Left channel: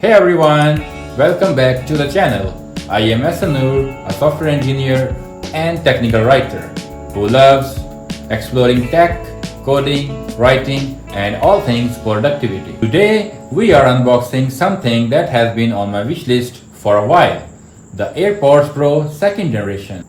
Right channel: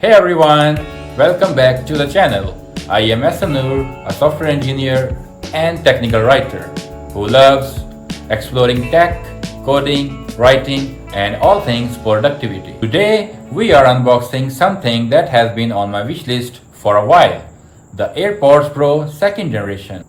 Hey everyone, welcome back to the channel. I am Ahsan, a software engineer and technical writer who loves exploring tech, coding, writing and all things productivity. Today we are unboxing something that has been on my wish list for a while, the AirPods Pro 2nd generation.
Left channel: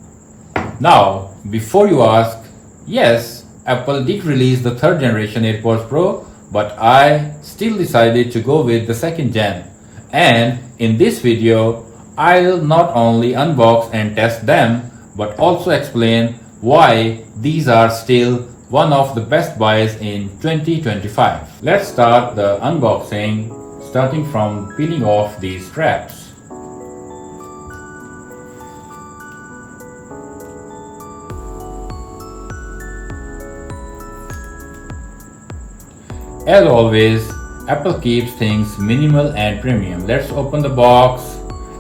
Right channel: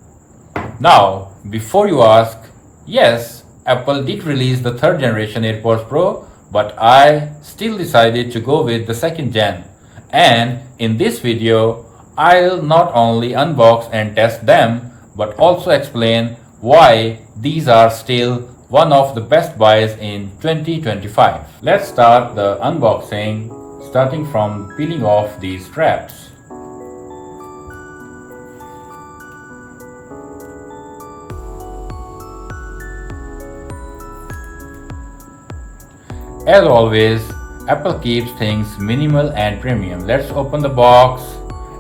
Now, before you ask, yes, Apple did release the 3rd generation AirPods Pro, but I still decided to go with the 2nd gen. And in this video, I'll not only unbox and test them, but also explain why these are still one of the best buys in 2025. Let's start the unboxing, starting from peeling off these straps. As always, Apple keeps things minimal and premium. Let's open the box,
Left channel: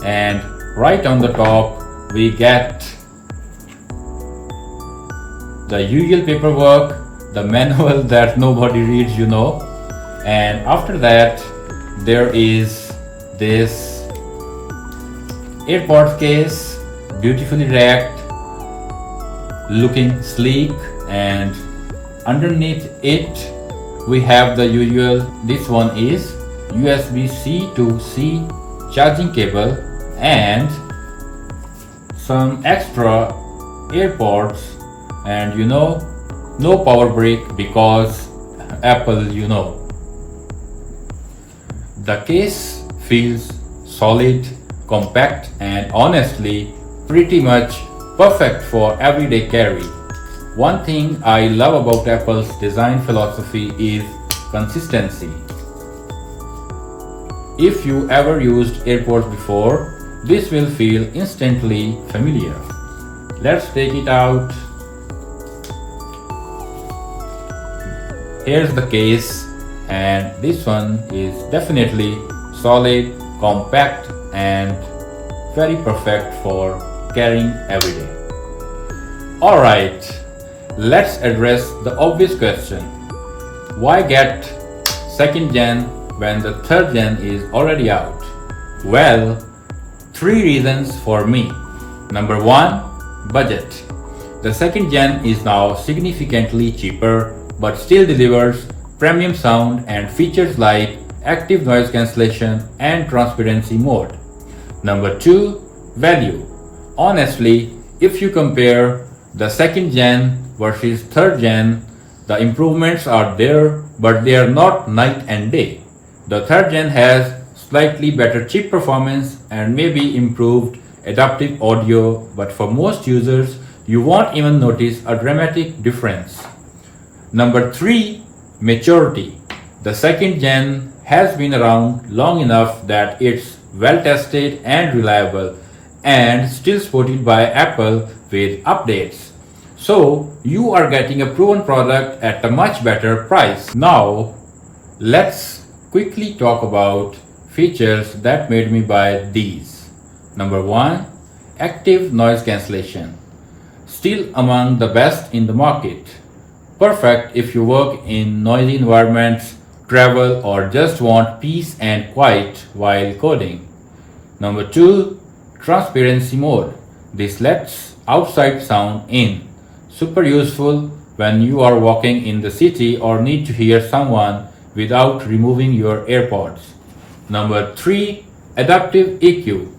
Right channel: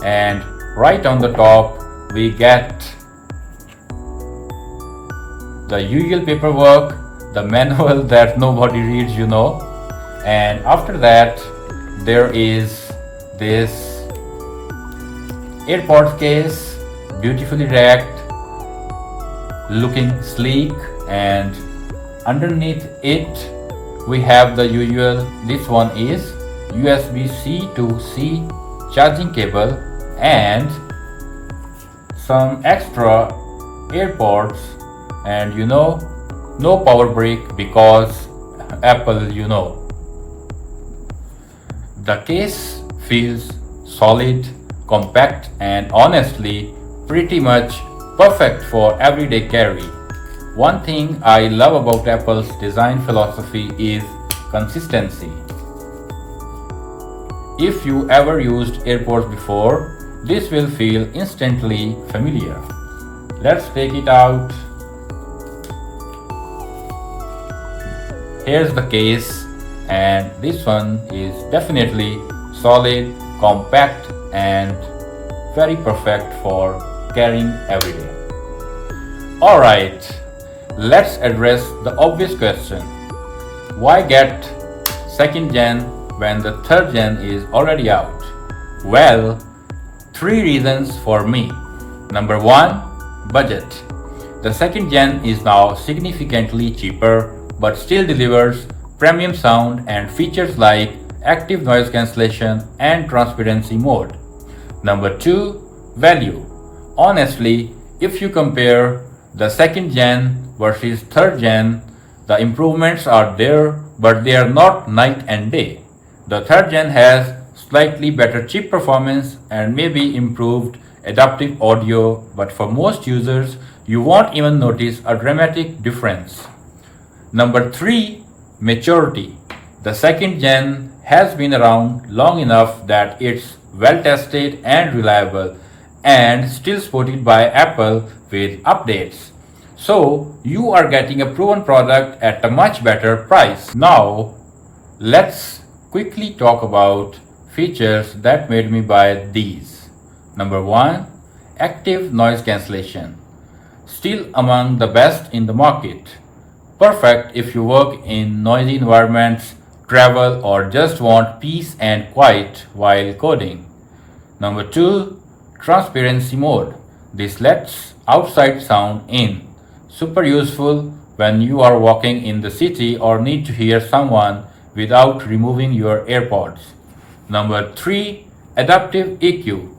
and right on the top we get the usual paperwork, the manual that nobody reads, and after that there is this AirPods case, beautifully wrapped, looking sleek, and underneath it we have the usual, this one is USB-C to C charging cable and some extra AirPods, and no power brick because Apple, The case feels solid, compact and honestly pretty much perfect for everyday carry. One thing I love about Apple's design philosophy is consistency. If you ever used AirPods before, this will feel instantly familiar. Let's take it out. Here's the case, and this one is definitely solid, compact and very perfect for carrying every day. Alright. Let's address the obvious question. Why get 2nd gen when the 3rd gen is already out? Well, 3 reasons for me. Number 1, budget. The 2nd gen is now significantly cheaper but still delivers premium sound and features like Active Noise Cancellation and Transparency mode. Number 2, value. Honestly, if you compare the 2nd gen versus 3rd gen, the improvements are there, but they are not night and day. The 3rd gen has slightly better chip performance and maybe improved adaptive audio, but for most users, you won't even notice a dramatic difference. Number 3, maturity. The 2nd gen has been around long enough that it's well tested and reliable and still supported by Apple with updates. So you are getting a proven product at a much better price. Now let's quickly talk about features that made me buy these. Number 1, Active Noise Cancellation. Still among the best in the market. Perfect if you work in noisy environments, travel or just want peace and quiet while coding. Number 2, Transparency mode. This lets outside sound in. Super useful when you are walking in the city or need to hear someone without removing your AirPods. Number 3, Adaptive EQ.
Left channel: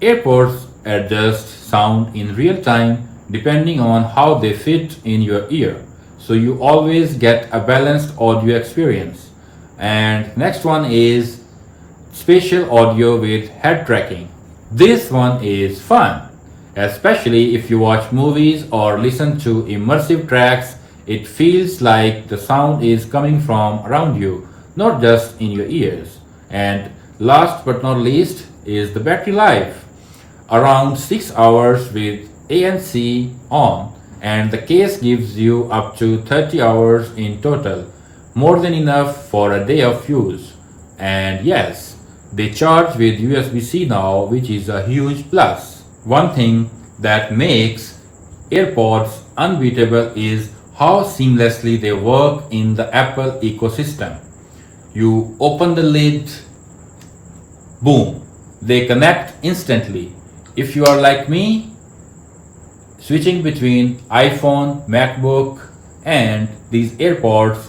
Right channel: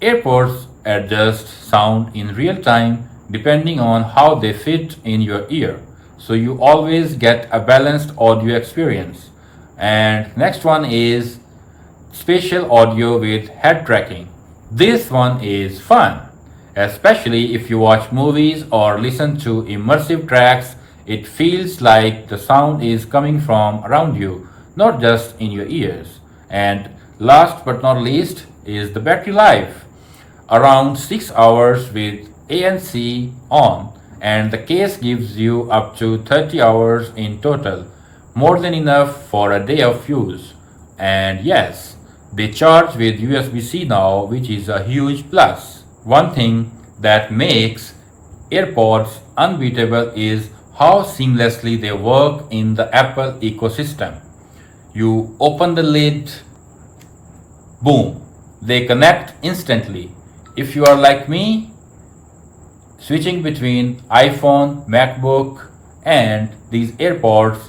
AirPods adjust sound in real time depending on how they fit in your ear, so you always get a balanced audio experience. And next one is Spatial audio with head tracking. This one is fun. Especially if you watch movies or listen to immersive tracks, it feels like the sound is coming from around you, not just in your ears. And last but not least is the battery life. Around 6 hours with ANC on, and the case gives you up to 30 hours in total, more than enough for a day of use. And yes, they charge with USB-C now, which is a huge plus. One thing that makes AirPods unbeatable is how seamlessly they work in the Apple ecosystem. You open the lid, boom, they connect instantly. If you are like me, switching between iPhone, MacBook, and these AirPods,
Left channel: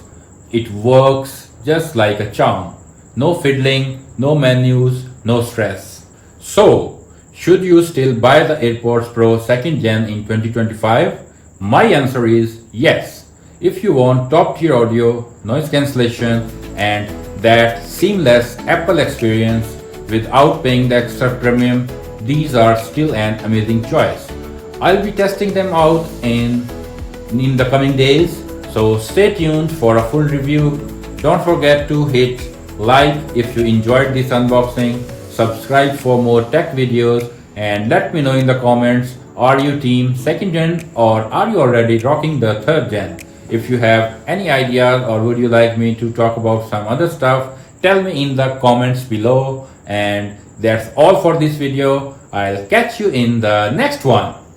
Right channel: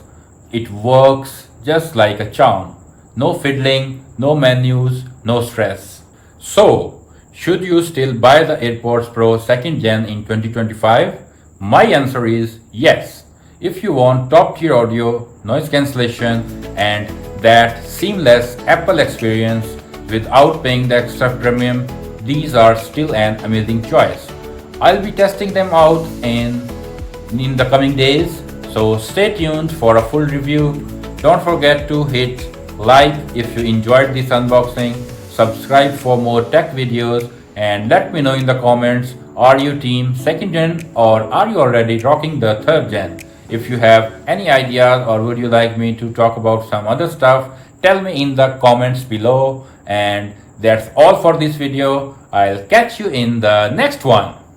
it works just like a charm. No fiddling, no menus, no stress. So, should you still buy the AirPods Pro 2nd Gen in 2025? My answer is yes. If you want top tier audio, noise cancellation, and that seamless Apple experience without paying the extra premium, these are still an amazing choice. I'll be testing them out in the coming days, so stay tuned for a full review. Don't forget to hit like if you enjoyed this unboxing, subscribe for more tech videos, and let me know in the comments, are you team 2nd gen or are you already rocking the 3rd gen? If you have any ideas or would you like me to talk about some other stuff, tell me in the comments below. And that's all for this video. I'll catch you in the next one.